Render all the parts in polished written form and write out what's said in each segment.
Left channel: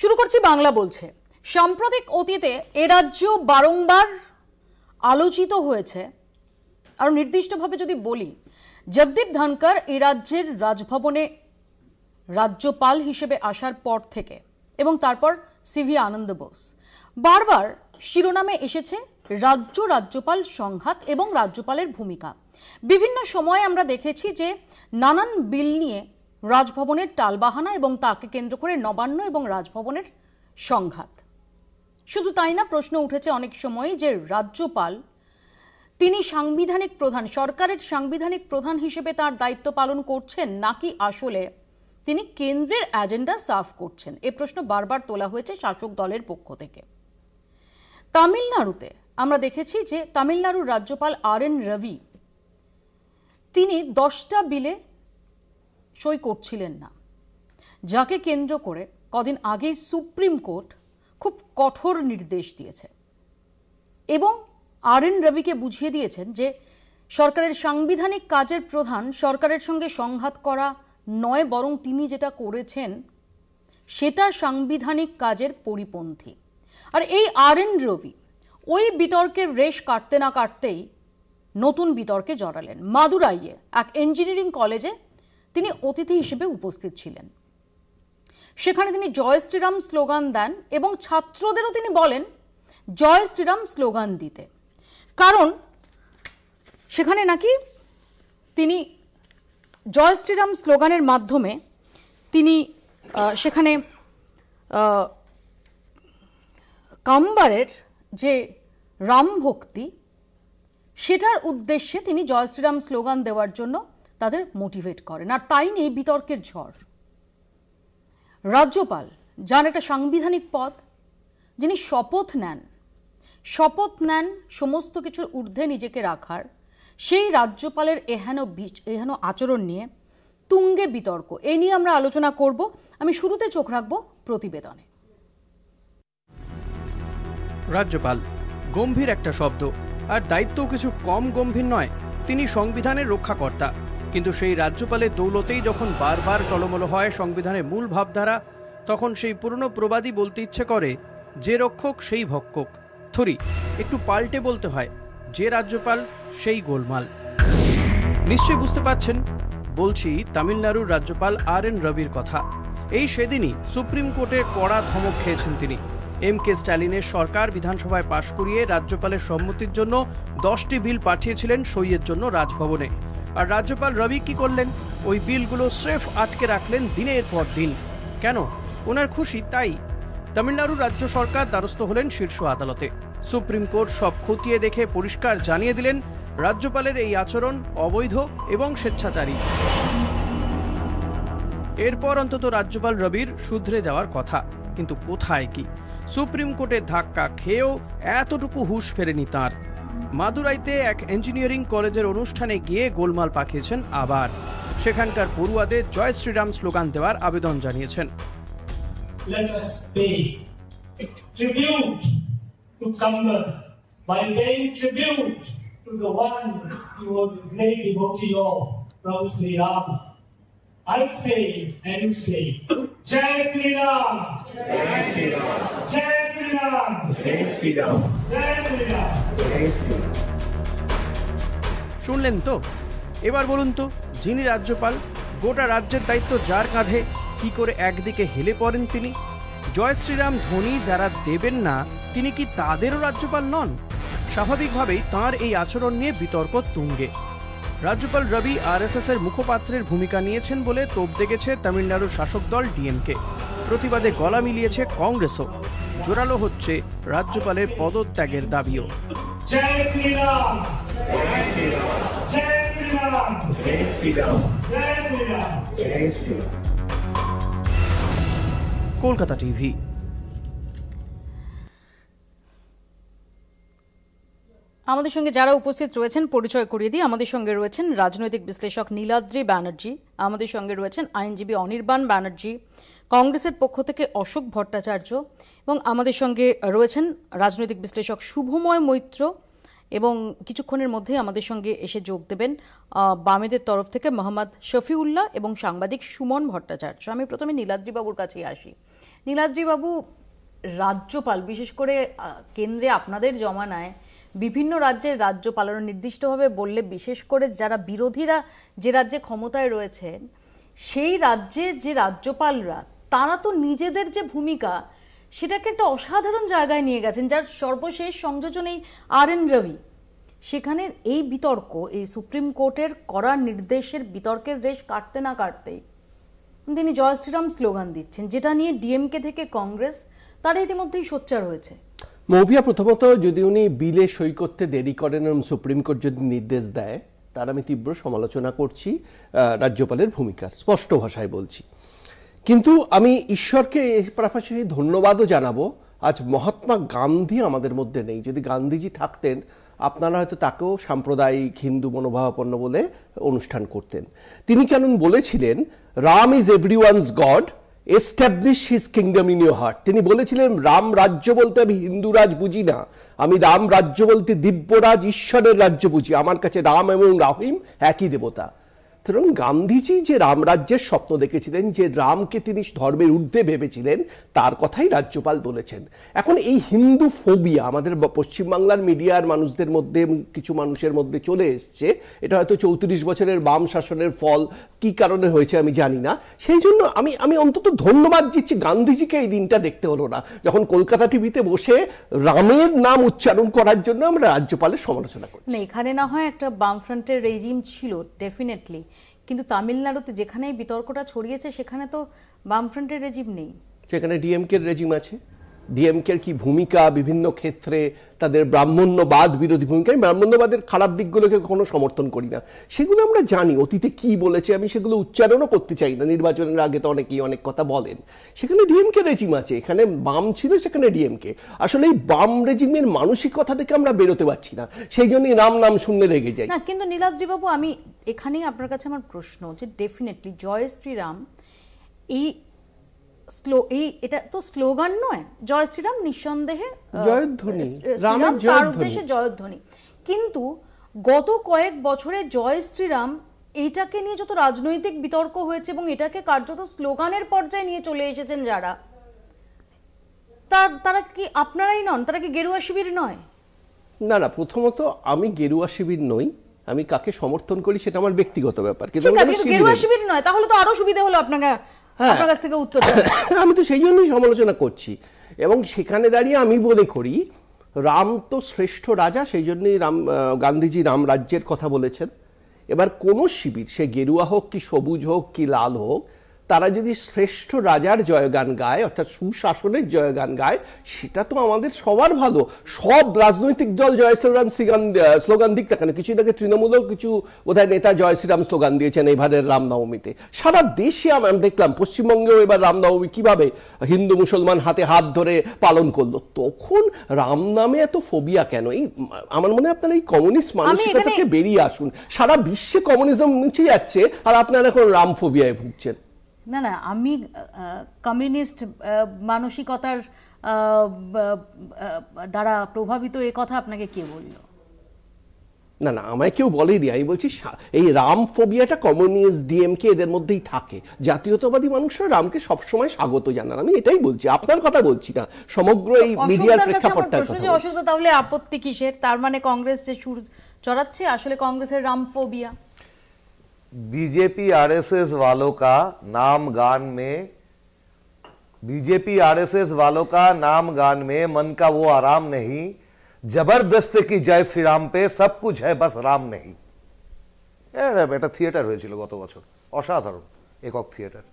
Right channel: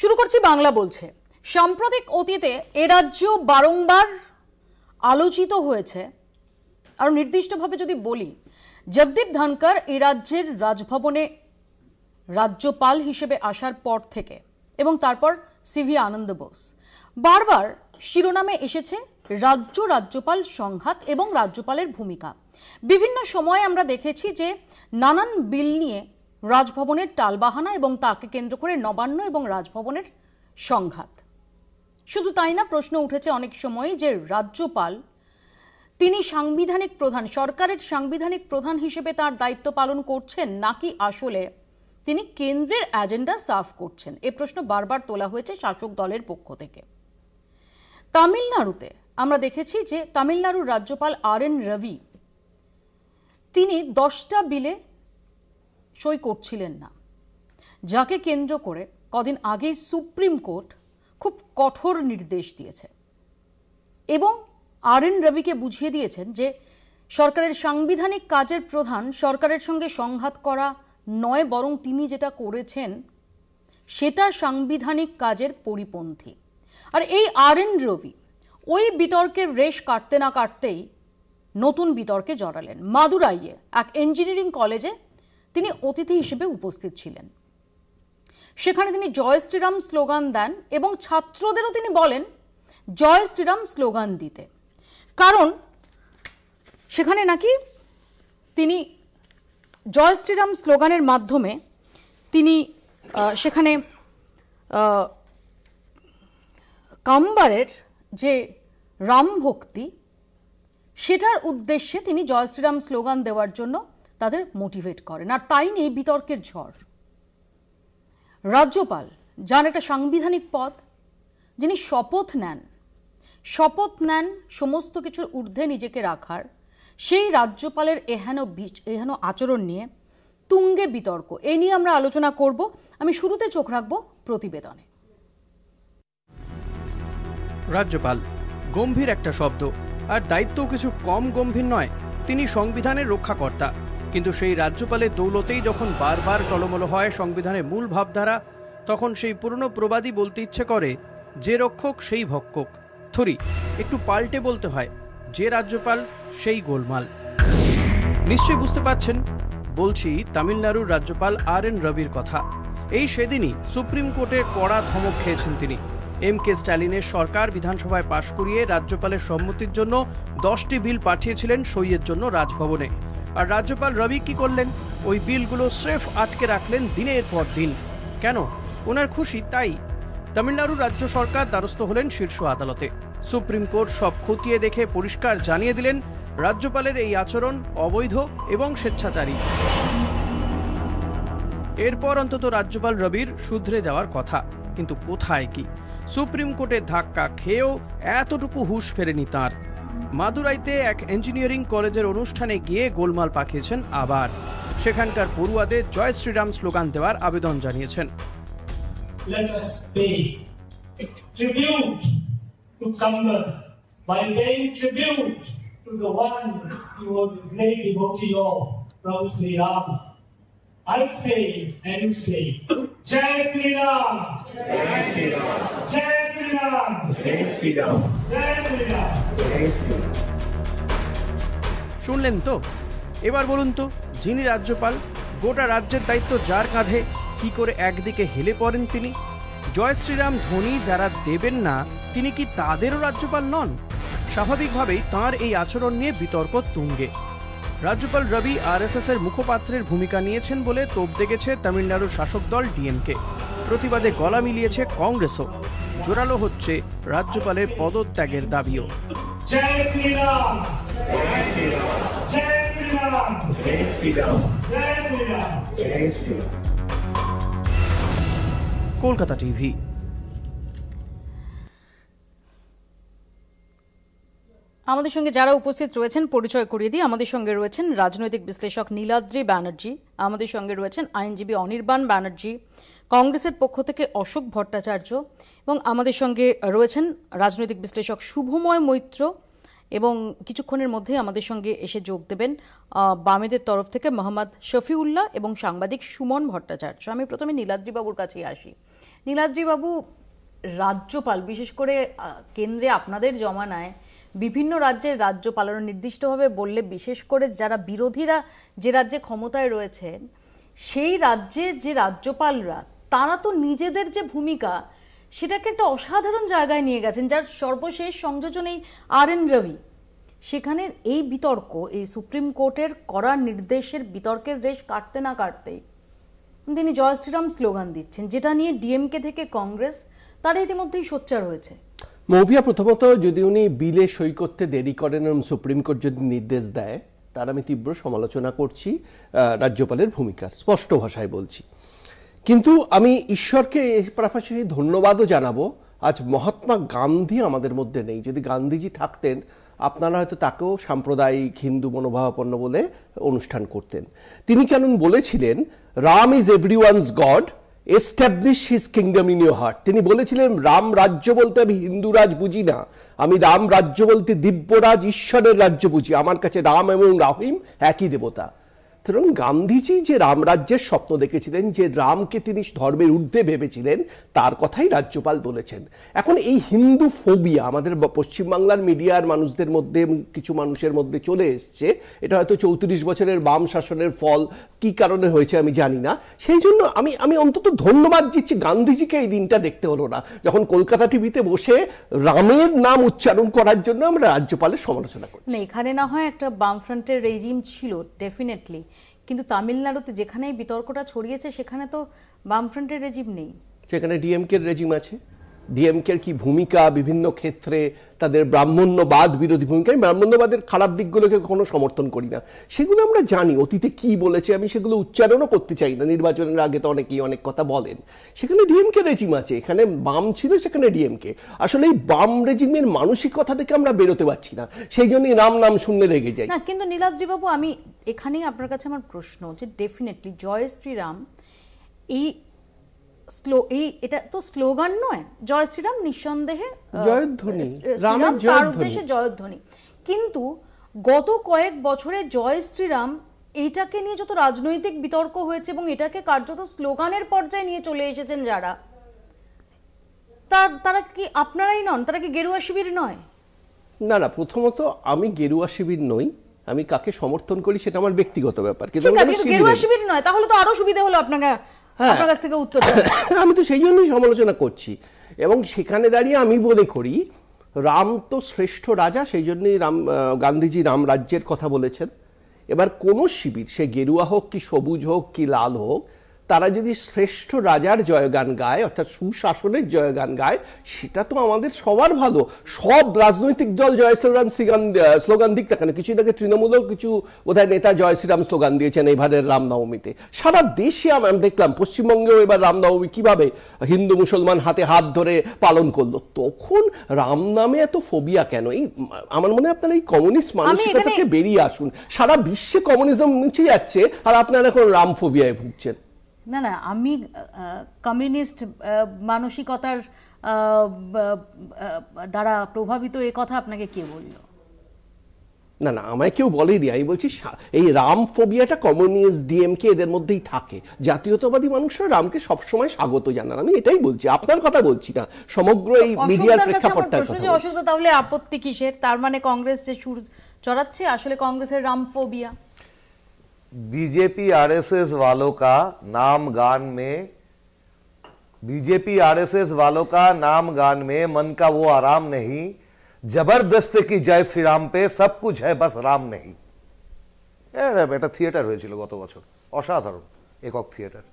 শুরু করছি বাংলা বলছে। সাম্প্রতিক অতীতে এ রাজ্য বারংবার আলোচিত হয়েছে। আর নির্দিষ্টভাবে যদি বলি, জগদীপ ধনকর এই রাজ্যের রাজভবনে রাজ্যপাল হিসেবে আসার পর থেকে এবং তারপর সিভি আনন্দ বোস, বারবার শিরোনামে এসেছে রাজ্যপাল সংঘাত এবং রাজ্যপালের ভূমিকা। বিভিন্ন সময়ে আমরা দেখেছি যে নানান বিল নিয়ে রাজভবনের টালবাহানা এবং তাকে কেন্দ্র করে নবান্ন এবং রাজভবনের সংঘাত। শুধু তাই না, প্রশ্ন উঠেছে অনেক সময় যে রাজ্যপাল তিনি সাংবিধানিক প্রধান, সরকারের সাংবিধানিক প্রধান হিসেবে তার দায়িত্ব পালন করছেন নাকি আসলে তিনি কেন্দ্রের এজেন্ডা সার্ভ করছেন। এই প্রশ্ন বারবার তোলা হয়েছে শাসক দলের পক্ষ থেকে। তামিলনাড়ুতে আমরা দেখেছি যে তামিলনাড়ুর রাজ্যপাল RN রবি তিনি 10টা বিলে সই করছিলেন না, যাকে কেন্দ্র করে কদিন আগেই সুপ্রিম কোর্ট খুব কঠোর নির্দেশ দিয়েছে এবং RN রবিকে বুঝিয়ে দিয়েছেন যে সরকারের সাংবিধানিক কাজের প্রধান সরকারের সঙ্গে সংঘাত করা নয়, বরং তিনি যেটা করেছেন সেটা সাংবিধানিক কাজের পরিপন্থী। আর এই RN রবি ওই বিতর্কের রেশ কাটতে না কাটতেই নতুন বিতর্কে জড়ালেন। মাদুরাইয়ে এক ইঞ্জিনিয়ারিং কলেজে তিনি অতিথি হিসেবে উপস্থিত ছিলেন। সেখানে তিনি জয় শ্রীরাম স্লোগান দেন এবং ছাত্রদেরও তিনি বলেন জয় শ্রীরাম স্লোগান দিতে, কারণ সেখানে নাকি তিনি জয় শ্রীরাম স্লোগানের মাধ্যমে তিনি সেখানে কাম্বারের যে রাম ভক্তি সেটার উদ্দেশ্যে তিনি জয় শ্রীরাম স্লোগান দেওয়ার জন্য তাদের মোটিভেট করেন। আর তাই নিয়ে বিতর্কের ঝড়। রাজ্যপাল যার একটা সাংবিধানিক পদ, যিনি শপথ নেন সমস্ত কিছুর ঊর্ধ্বে নিজেকে রাখার, সেই রাজ্যপালের এহেন আচরণ নিয়ে তুঙ্গে বিতর্ক। এ নিয়ে আমরা আলোচনা করব। আমি শুরুতে চোখ রাখবো প্রতিবেদনে। রাজ্যপাল গম্ভীর একটা শব্দ, আর দায়িত্ব কিছু কম গম্ভীর নয়। তিনি সংবিধানের রক্ষাকর্তা, কিন্তু সেই রাজ্যপালের দৌলতেই যখন বারবার টলমল হয় সংবিধানের মূল ভাবধারা, তখন সেই পুরনো প্রবাদই বলতে ইচ্ছে করে, যে রক্ষক সেই ভক্ষক। থরি একটু পাল্টে বলতে হয়, যে রাজ্যপাল সেই গোলমাল। নিশ্চয়ই বুঝতে পারছেন বলছি তামিলনাড়ুর রাজ্যপাল RN রবির কথা। এই সেদিনই সুপ্রিম কোর্টের কড়া ধমক খেয়েছেন তিনি। MK স্ট্যালিনের সরকার বিধানসভায় পাশ করিয়ে রাজ্যপালের সম্মতির জন্য 10টি বিল পাঠিয়েছিলেন সইয়ের জন্য রাজভবনে। আর রাজ্যপাল রবি কি করলেন? ওই বিলগুলো স্রেফ আটকে রাখলেন দিনের পর দিন। কেন? ওনার খুশি তাই। তামিলনাড়ু রাজ্য সরকার দ্বারস্থ হলেন শীর্ষ আদালতে। সুপ্রিম কোর্ট সব খতিয়ে দেখে পরিষ্কার জানিয়ে দিলেন রাজ্যপালের এই আচরণ অবৈধ এবং স্বেচ্ছাচারী। এরপর অন্তত রাজ্যপাল রবির শুধরে যাওয়ার কথা, কিন্তু কোথায় কি? সুপ্রিম কোর্টের ধাক্কা খেয়েও এতটুকু হুঁশ ফেরেনি তাঁর। মাদুরাইতে এক ইঞ্জিনিয়ারিং কলেজের অনুষ্ঠানে গিয়ে গোলমাল পাকিয়েছেন আবার। সেখানকার পড়ুয়াদের জয় শ্রীরাম স্লোগান দেওয়ার আবেদন জানিয়েছেন। Let us pay tribute to Kamba by paying tribute to the one who was a great devotee of Prabhu Sri Ram. I say and you say, Jai Sri Ram, Jai Sri Ram, Jai Sri Ram, Jai Sri Ram, Jai Sri Ram, Jai Sri Ram. শুনলেন তো? এবার বলুন তো, যিনি রাজ্যপাল, গোটা রাজ্যের দায়িত্ব যার কাঁধে, কি করে একদিকে হেলে পড়েন তিনি? জয় শ্রীরাম ধ্বনি যারা দেবেন না, তিনি কি তাদেরও রাজ্যপাল নন? স্বাভাবিকভাবেই তাঁর এই আচরণ নিয়ে বিতর্ক তুঙ্গে। রাজ্যপাল রবি RSS এর মুখপাত্রের ভূমিকা নিয়েছেন বলে তোপ দেখেছে তামিলনাড়ুর শাসক দল DMK। প্রতিবাদে গলা মিলিয়েছে কংগ্রেসও। জোরালো হচ্ছে রাজ্যপালের পদত্যাগের দাবিও। জয় শ্রীরাম, জয় শ্রীরাম, জয় শ্রীরাম, জয় শ্রীরাম, জয় শ্রীরাম, জয় শ্রীরাম। কলকাতা টিভি। আমাদের সঙ্গে যারা উপস্থিত রয়েছেন পরিচয় করিয়ে দিই। আমাদের সঙ্গে রয়েছেন রাজনৈতিক বিশ্লেষক নীলাদ্রি ব্যানার্জি, আমাদের সঙ্গে রয়েছেন আইনজীবী অনির্বাণ ব্যানার্জি, কংগ্রেসের পক্ষ থেকে অশোক ভট্টাচার্য, এবং আমাদের সঙ্গে রয়েছেন রাজনৈতিক বিশ্লেষক শুভময় মৈত্র, এবং কিছুক্ষণের মধ্যেই আমাদের সঙ্গে এসে যোগ দেবেন বামেদের তরফ থেকে মোহাম্মদ শফিউল্লাহ এবং সাংবাদিক সুমন ভট্টাচার্য। আমি প্রথমে নীলাদ্রি বাবুর কাছে আসি। নীলাদ্রি বাবু, রাজ্যপাল বিশেষ করে কেন্দ্রে আপনাদের জমানায় বিভিন্ন রাজ্যের রাজ্যপালরা নির্দিষ্টভাবে বললে, বিশেষ করে যারা বিরোধীরা যে রাজ্যে ক্ষমতায় রয়েছে সেই রাজ্যের যে রাজ্যপালরা, তারা তো নিজেদের যে ভূমিকা সেটাকে একটা অসাধারণ জায়গায় নিয়ে গেছেন, যার সর্বশেষ সংযোজন এই RN রবি। সেখানে এই বিতর্ক, এই সুপ্রিম কোর্টের করার নির্দেশের বিতর্কের রেশ কাটতে না কাটতেই তিনি জয় শ্রীরাম স্লোগান দিচ্ছেন, যেটা নিয়ে ডিএমকে থেকে কংগ্রেস তারা ইতিমধ্যেই সোচ্চার হয়েছে। মৌভিয়া, প্রথমত যদি উনি বিলে সই করতে দেরি করেন এবং সুপ্রিম কোর্ট যদি নির্দেশ দেয়, তার আমি তীব্র সমালোচনা করছি রাজ্যপালের ভূমিকার, স্পষ্ট ভাষায় বলছি। কিন্তু আমি ঈশ্বরকে পাশাপাশি ধন্যবাদও জানাবো, আজ মহাত্মা গান্ধী আমাদের মধ্যে নেই। যদি গান্ধীজি থাকতেন, আপনারা হয়তো তাকেও সাম্প্রদায়িক হিন্দু মনোভাবাপন্ন বলে অনুষ্ঠান করতেন। তিনি কেন বলেছিলেন, Ram is everyone's god, establish his kingdom in your heart. তিনি বলেছিলেন, রাম রাজ্য বলতে আমি হিন্দু রাজ বুঝি না, আমি রাম রাজ্য বলতে দিব্যরাজ ঈশ্বরের রাজ্য বুঝি, আমার কাছে রাম এবং রহিম একই দেবতা। সুতরাং গান্ধীজি যে রামরাজ্যের স্বপ্ন দেখেছিলেন, যে রামকে তিনি ধর্মের ঊর্ধ্বে ভেবেছিলেন, তার কথাই রাজ্যপাল বলেছেন। এখন এই হিন্দু ফোবিয়া আমাদের পশ্চিমবাংলার মিডিয়ার মানুষদের মধ্যে, কিছু মানুষের মধ্যে চলে এসছে। এটা হয়তো 34 বছরের বাম শাসনের ফল, কি কারণে হয়েছে আমি জানি না। সেই জন্য আমি অন্তত ধন্যবাদ দিচ্ছি গান্ধীজিকে এই দিনটা দেখতে হলো না, যখন কলকাতা টিভিতে বসে রামের নাম উচ্চারণ করার জন্য আমরা রাজ্যপালের সমালোচনা করি। এখানে না হয় একটা বামফ্রন্টের রেজিম ছিল ডেফিনেটলি, কিন্তু তামিলনাড়ুতে যেখানে এই বিতর্কটা ছড়িয়েছে সেখানে তো বামফ্রন্টের রেজিম নেই, সেখানে ডিএমকে রেজিম আছে। ডিএমকের কি ভূমিকা বিভিন্ন ক্ষেত্রে, তাদের ব্রাহ্মণ্যবাদ বিরোধী ভূমিকা, আমি ব্রাহ্মণ্যবাদের খারাপ দিকগুলোকে কখনো সমর্থন করি না, সেগুলো আমরা জানি অতীতে কি বলেছে, আমি সেগুলো উচ্চারণও করতে চাই না। নির্বাচনের আগে তো অনেকেই অনেক কথা বলেন, সেখানে ডিএমকে রেজিম আছে, এখানে বাম ছিল, সেখানে ডিএমকে। আসলে এই বাম রেজিমের মানসিকতা থেকে আমরা বেরোতে পারছি না, সেই জন্যই রাম নাম শুনলে রেগে যাই। না, কিন্তু নীলাদ্রি বাবু, আমি এখানেই আপনার কাছে আমার প্রশ্ন, যে ডেফিনেটলি জয় শ্রীরাম এটা তো স্লোগান নয়, জয় শ্রীরাম নিঃসন্দেহে জয়ধ্বনি, রামের জয়ধ্বনি, কিন্তু গত কয়েক বছরে জয় শ্রীরাম এইটাকে নিয়ে যত রাজনৈতিক বিতর্ক হয়েছে এবং এটাকে কার্যত স্লোগানের পর্যায়ে নিয়ে চলে এসেছেন যারা, তারা কি আপনারাই নন? তারা কি গেরুয়া শিবির নয়? না না, প্রথমত আমি গেরুয়া শিবির নই, আমি কাকে সমর্থন করি সেটা আমার ব্যক্তিগত ব্যাপার। কিন্তু গেরুয়া শিবির নয়, তাহলে তো আরো সুবিধা হলো আপনার কাছ থেকে উত্তর। আমি তো সেই জন্যই সমালোচনা করছি, এবং সেখানে দাঁড়িয়ে আমি মনে করি রাম তো শ্রেষ্ঠ রাজা, সেই জন্যই গান্ধীজি রাম রাজ্যের কথা বলেছেন। এবার কোন শিবির, সে গেরুয়া হোক কি সবুজ হোক কি লাল হোক, তারা যদি শ্রেষ্ঠ রাজার জয়গান গায়, অর্থাৎ সুশাসনের জয়গান গায়, সেটা তো আমাদের সবার ভালো। সব রাজনৈতিক দল জয় শ্রীরাম স্লোগান দিক, কেন কিছুদিন আগে তৃণমূলও কিছু বোধহয় নেতা জয় শ্রীরাম স্লোগান দিয়েছেন এবারের রামনবমীতে। সারা দেশে আমরা দেখলাম, পশ্চিমবঙ্গেও এবার রামনবমী কিভাবে হিন্দু মুসলমান হাতে হাত ধরে পালন করলো। তখন রাম নামে এত ফোবিয়া কেন? এই আমার মনে হয় আপনারা এই কমিউনিস্ট মানসিকতা থেকে বেরিয়ে আসুন। সারা বিশ্বে কমিউনিজম মুছে যাচ্ছে, আর আপনারা এখন রাম ফোবিয়ায় ভুগছেন। না না, আমি কমিউনিস্ট মানসিকতার দ্বারা প্রভাবিত, এ কথা আপনাকে কে বলল? না না, আমায় কেউ বলেনি। আমি বলছি এই রাম ফোবিয়াটা কমিউনিস্ট, ডিএমকে এদের মধ্যেই থাকে। জাতীয়তাবাদী মানুষরা রামকে সবসময় স্বাগত জানান, আমি এটাই বলছি, আপনার কথা বলছি না, সমগ্র এই মিডিয়ার প্রেক্ষাপটটার কথা বলছি। অশোক, তাহলে আপত্তি কিসের? তার মানে কংগ্রেস যে সুর চড়াচ্ছে আসলে কংগ্রেসের রাম ফোবিয়া। बीजेपी आरएसएस वालों का नाम गान में मन का वो आराम नहीं, जबरदस्त की जय श्री राम पे सब कुछ है बस राम नहीं। এটা থিয়েটার হয়েছিল গত বছর, অসাধারণ একক থিয়েটার,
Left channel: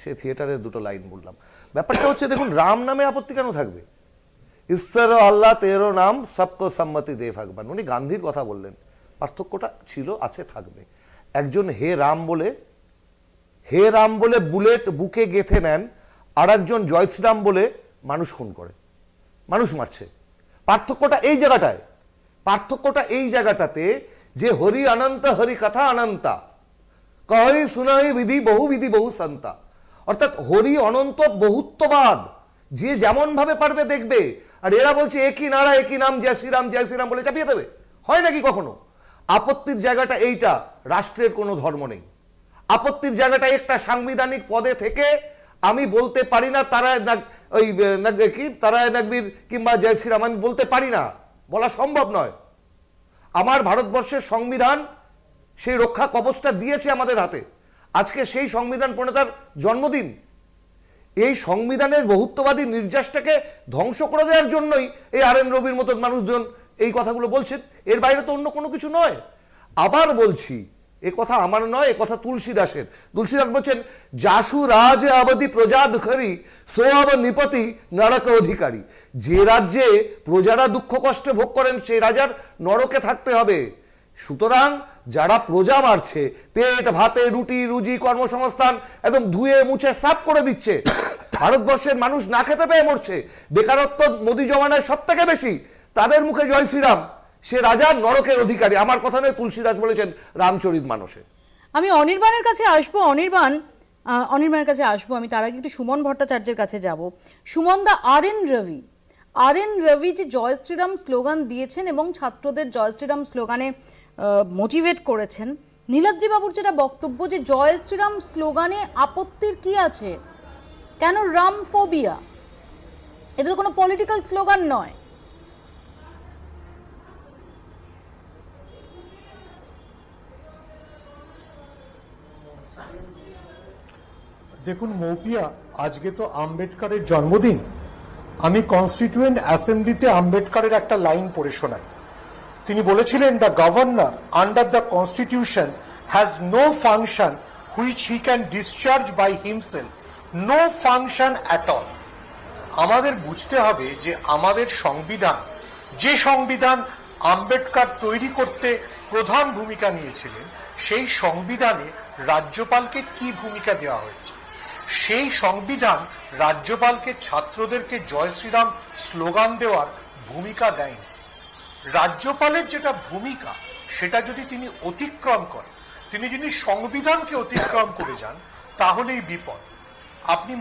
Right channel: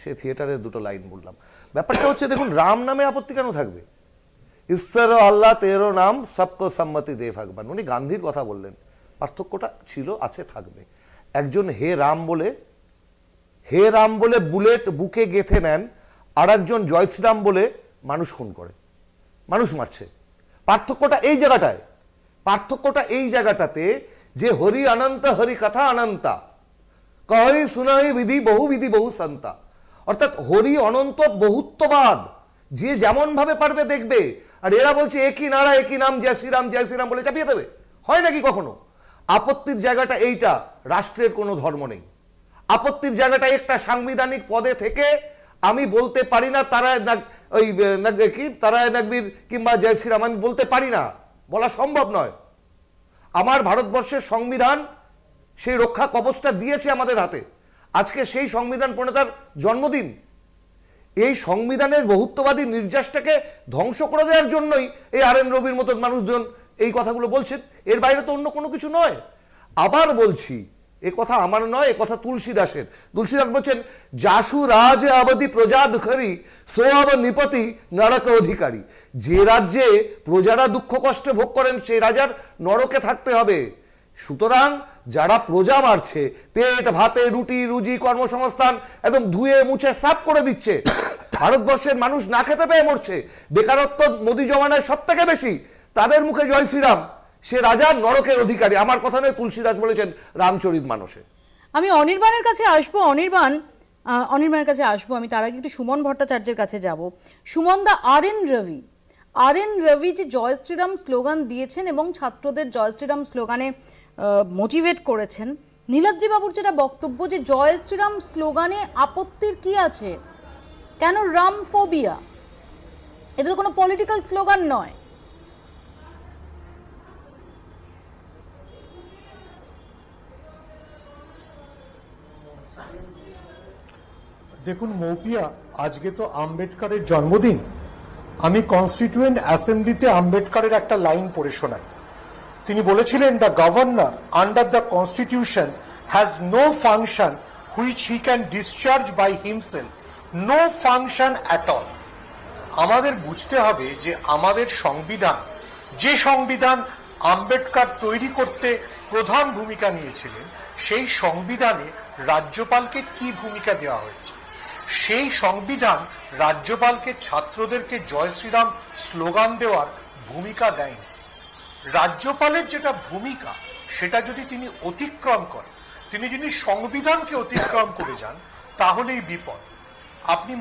সেই থিয়েটারের দুটো লাইন বললাম। ব্যাপারটা হচ্ছে, দেখুন, রাম নামে আপত্তি কেন থাকবে? ঈশ্বর আল্লাহ তেরো নাম সবকো সম্মতি দে ভগবান, উনি গান্ধীর কথা বললেন। পার্থক্যটা ছিল, আছে, থাকবে। একজন হে রাম বলে বুলেট বুকে গেঁথে নেন, আর একজন জয় শ্রীরাম বলে মানুষ খুন করে, মানুষ মারছে। পার্থক্যটা এই জায়গাটাতে যে হরি অনন্ত, হরি কথা অনন্তা, কহি শুনাই বিধি বহু সন্তা, অর্থাৎ হরি অনন্ত, বহুত্ববাদ, যে যেমন ভাবে পারবে দেখবে। আর এরা বলছে একই নারা একই নাম, জয় শ্রীরাম বলে চাপিয়ে দেবে। হয় নাকি কখনো? আপত্তির জায়গাটা এইটা, রাষ্ট্রের কোনো ধর্ম নেই। আপত্তির জায়গাটা একটা সাংবিধানিক পদে থেকে আমি বলতে পারি না তারা ওই কি তারা নাকবীর কিংবা জয় শ্রীরাম, আমি বলতে পারি না, বলা সম্ভব নয়। আমার ভারতবর্ষের সংবিধান সেই রক্ষা কবচটা দিয়েছে আমাদের হাতে। আজকে সেই সংবিধান প্রণেতার জন্মদিন। এই সংবিধানের বহুত্ববাদী নির্যাসটাকে ধ্বংস করে দেওয়ার জন্যই এই আর.এন. রবির মতন মানুষজন এই কথাগুলো বলছেন, এর বাইরে তো অন্য কোনো কিছু নয়। আবার বলছি, এ কথা আমার নয়, এ কথা তুলসীদাসের। তুলসীদাস বলছেন, যাসু রাজ অবধি প্রজা দুঃখী সো অব নিপতি নরক অধিকারী। যে রাজ্যে প্রজারা দুঃখ কষ্টে ভোগ করেন সেই রাজার নরকে থাকতে হবে। সুতরাং যারা প্রজা মারছে, পেট ভাতে রুটি রুজি কর্মসংস্থান একদম ধুয়ে মুছে সাফ করে দিচ্ছে, ভারতবর্ষের মানুষ না খেতে পেয়ে মরছে, বেকারত্ব মোদী জমানায় সব থেকে বেশি, তাদের মুখে জয় শ্রীরাম, সে রাজা নরকের অধিকারী। আমার কথা নয়, তুলসীদাস বলেছেন রামচরিত মানসে। আমি অনির্বাণের কাছে আসবো, অনির্বাণের কাছে আসবো। আমি তার আগে একটু সুমন ভট্টাচার্যের কাছে যাব। সুমন দা, আর.এন. রবি যে জয় শ্রীরাম স্লোগান দিয়েছেন এবং ছাত্রদের জয় শ্রীরাম স্লোগানে মোটিভেট করেছেন, নীলাদ্রি বাবুর যেটা বক্তব্য যে জয় শ্রীরাম স্লোগানে আপত্তির কি আছে, কেন রাম ফোবিয়া? এটা তো কোনো পলিটিক্যাল স্লোগান নয়। দেখুন মৌপিয়া, আজকে তো আম্বেদকরের জন্মদিন। আমি কনস্টিটিউয়েন্ট অ্যাসেম্বলিতে আম্বেদকরের একটা লাইন পড়ে শোনাই। তিনি বলেছিলেন, the governor under the constitution has no function which he can discharge by himself, no function at all. আমাদের বুঝতে হবে যে আমাদের সংবিধান, যে সংবিধান আম্বেদকর তৈরি করতে প্রধান ভূমিকা নিয়েছিলেন, সেই সংবিধানে রাজ্যপালকে কি ভূমিকা দেওয়া হয়েছে? সেই সংবিধান রাজ্যপালকে ছাত্রদেরকে জয় শ্রীরাম স্লোগান দেওয়ার ভূমিকা দেয়নি। রাজ্যপালের যেটা ভূমিকা, সেটা যদি তিনি অতিক্রম করেন, তিনি যদি সংবিধানকে অতিক্রম করে যান, তাহলেই বিপদ। আপনি